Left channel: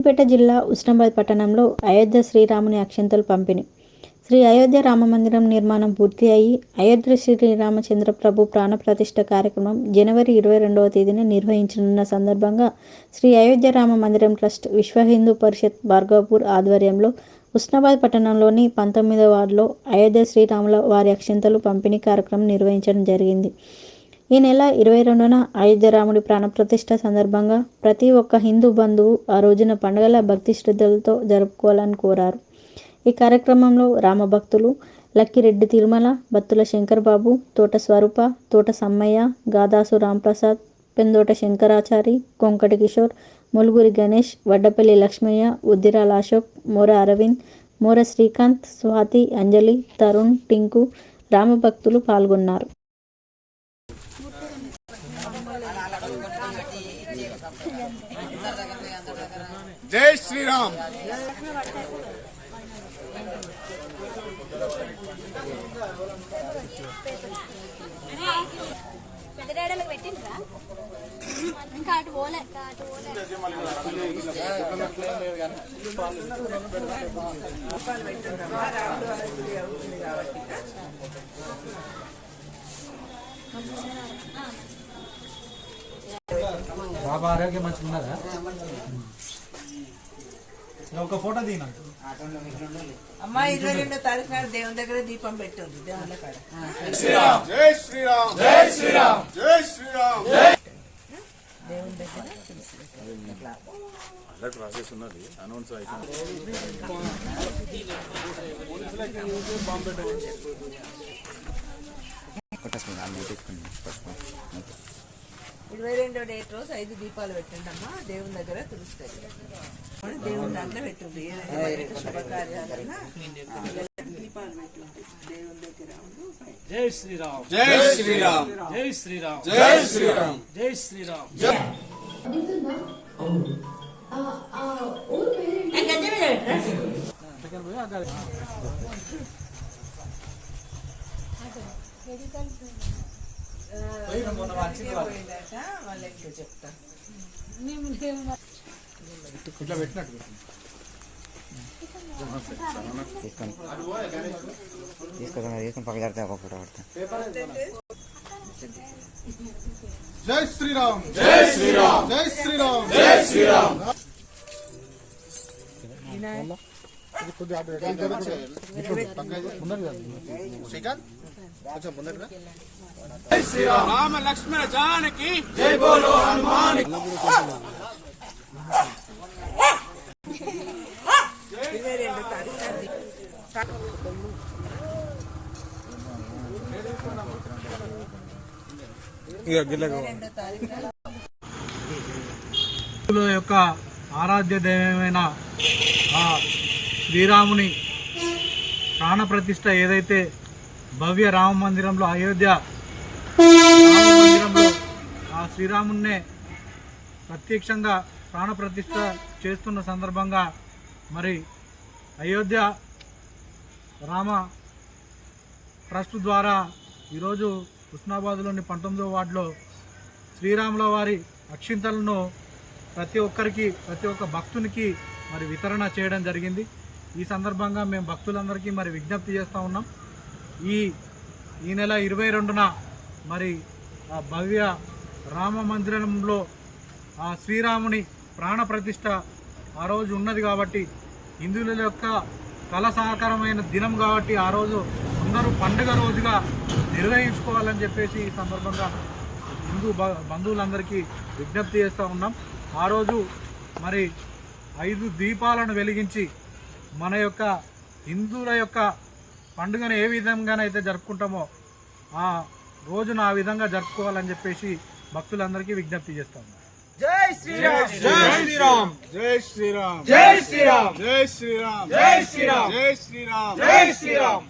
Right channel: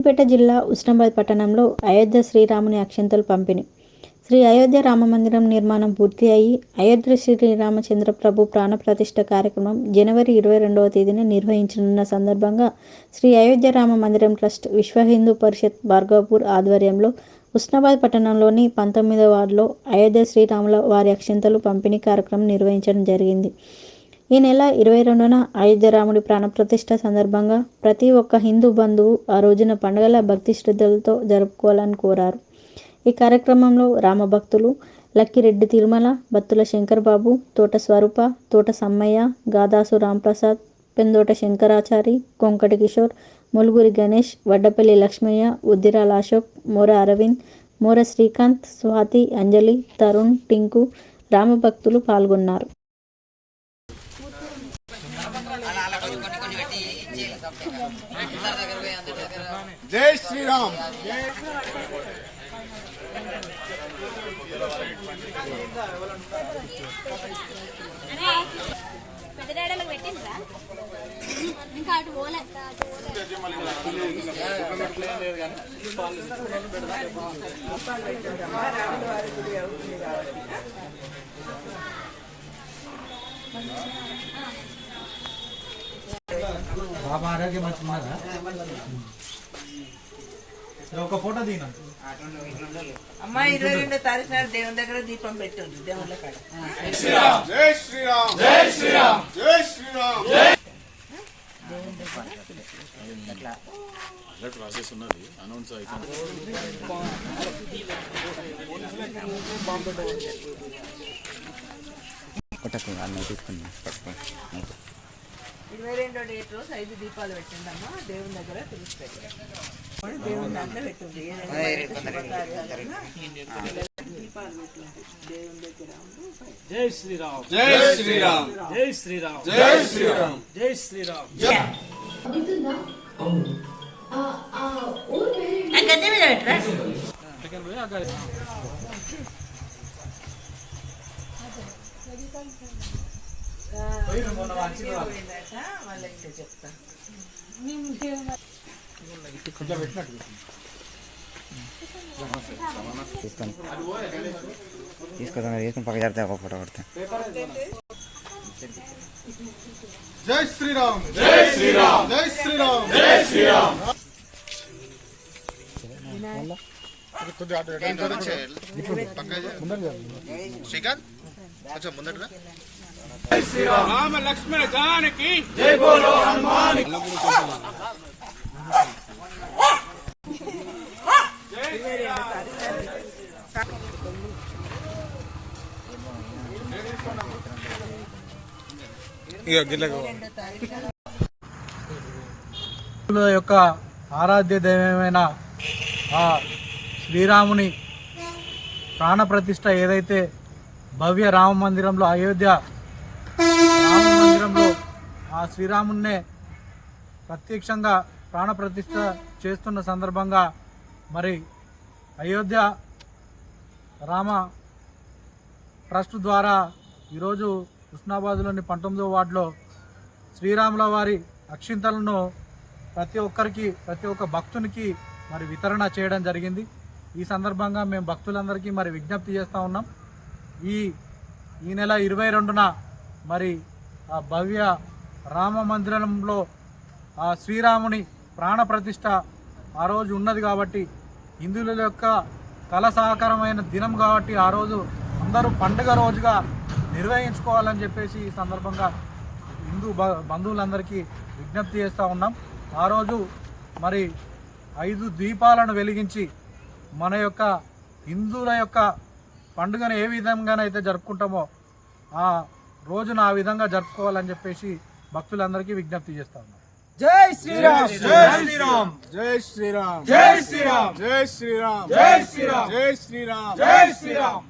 సిద్దిపేట జిల్లా ఉస్నాబాద్ పట్టణంలో అయోధ్య శ్రీరాముని అక్షింతలు పంపిణీ. శ్రీ అయోధ్య రామమందిరం నిర్మాణం పూర్తి అయి అయోధ్య శ్రీరామచంద్ర ప్రభు ప్రాణప్రతిష్ఠ కార్యక్రమం జనవరి 22వ తేదీన నిర్వహించనున్న సందర్భంగా శ్రీ అయోధ్య రామ మందిరం ట్రస్ట్ విశ్వ హిందూ పరిషత్ భార్గవపూర్ ఆధ్వర్యంలో ఉస్నాబాద్ పట్టణంలోని 19వ వార్డులో అయోధ్య శ్రీరాముల వారి అక్షింతలు పంపిణీ కార్యక్రమం నిర్వహించడం జరిగింది. ఈ నెల 22న అయోధ్య రాముడి ప్రాణప్రతిష్ఠ సందర్భంగా ప్రతి ఒక్క హిందూ బంధువు ఆ రోజున పండుగల భక్తి శ్రద్ధలతో జరుపుకోవాలని కోరారు. ఈ కార్యక్రమంలో రామభక్తులు లక్కిరెడ్డి తిరుమల, బత్తుల శంకర్బాబు, తోట స్వరూప, తోట సమ్మయ్య, గాదాసు రాంప్రసాద్, పెందోట శంకరాచారి, కొంకటి కిషోర్, ములుగురి గణేష్, వడ్డపల్లి లక్ష్మయ్య, ఉద్దిరాల అశోక్, మోర అరవింద్, మోర శ్రీకాంత్, స్వాతి, అంజలి, తరుణ్, టింకు రామభక్తులు పాల్గొన్నారు. జై శ్రీరామ్. ఇంకా అటు పోలే బాబా ఆరోగ్యం మంచిగా ఉన్నదా? ఒక ఫోటో దిగినా అమ్మా 22వ తారీఖు నాడు దేవుని దగ్గర దీపం పెట్టండి. దేవుళ్ళ కాడ జై శ్రీరామ్. జై శ్రీరామ్. జై శ్రీరామ్. దేవుని దగ్గర ఇరవై 22వ డేట్ రోజు 5 దీపాలు పెట్టండి అమ్మా. దేవుని దగ్గర తెలుస్తుంది. దేవుని దాంట్లో పెట్టండి. దీపాలు పెట్టండి దేవుని దగ్గర. జై శ్రీరామ్. జై శ్రీరామ్. జై శ్రీరామ్. జై శ్రీరామ్. జై శ్రీరామ్. వాళ్ళకి చెప్తాను. ఇట్లా పెట్టినట్టు తీసుకొని పక్క జరుగుతా ఒక ఫోటో పడతా. జై శ్రీరామ్. జై శ్రీరామ్. జై శ్రీరామ్. జై శ్రీరామ్. శ్రీకాంత్ కొంచెం ముందటగా. జై శ్రీరామ్. రామ లక్ష్మణ జానకి జై బోలో హనుమాన్. యొక్క ఆరాధ్య దైవమైన ఆ శ్రీరాముని ప్రాణప్రతిష్ఠ ఏదైతే భవ్య రామ మందిరంలో అయోధ్య రామ మందిరంలో ఆ శ్రీరామున్నే ప్రత్యక్షంగా ప్రాణప్రతిష్ఠ చేస్తున్న సందర్భంగా మరి అయోధ్య రామ ట్రస్ట్ ద్వారా ఈరోజు ఉస్నాబాద్లోని 19వ వార్డులో శ్రీరాముల వారి అక్షింతలను ప్రతి ఒక్క భక్తునికి మరి వితరణ చేయడం జరిగింది. ఈ సందర్భంగా మేము భక్తులందరికీ మరి విజ్ఞప్తి చేస్తూ ఉన్నాం. ఈ నెల 22న మరి ఆ భవ్య రామ మందిరంలో ఆ శ్రీరాముని ప్రాణప్రతిష్ఠ ఆ రోజు ఉన్నది కాబట్టి హిందువుల యొక్క కళ సహకారమైన దినం కాబట్టి ఆ రోజు అందరూ పండుగ రోజుగా నిర్వహించుకోవాలని చెప్పేసి ఈ సందర్భంగా హిందూ బంధువులందరికీ విజ్ఞప్తి చేస్తూ ఉన్నాం. ఆ రోజు మరి 5 దీపాలను వెలిగించి మన యొక్క హిందువుల యొక్క పండుగను ఏ విధంగానైతే జరుపుకుంటామో ఆ రోజున ఆ విధంగా జరుపుకోవాలని చెప్పేసి భక్తులందరికీ విజ్ఞప్తి చేస్తా ఉన్నాం. జై శ్రీరామ్. జై శ్రీరామ్. జై శ్రీరామ్. జై శ్రీరామ్. జై శ్రీరామ్. జై శ్రీరామ్. జై శ్రీరామ్. జై శ్రీరామ్.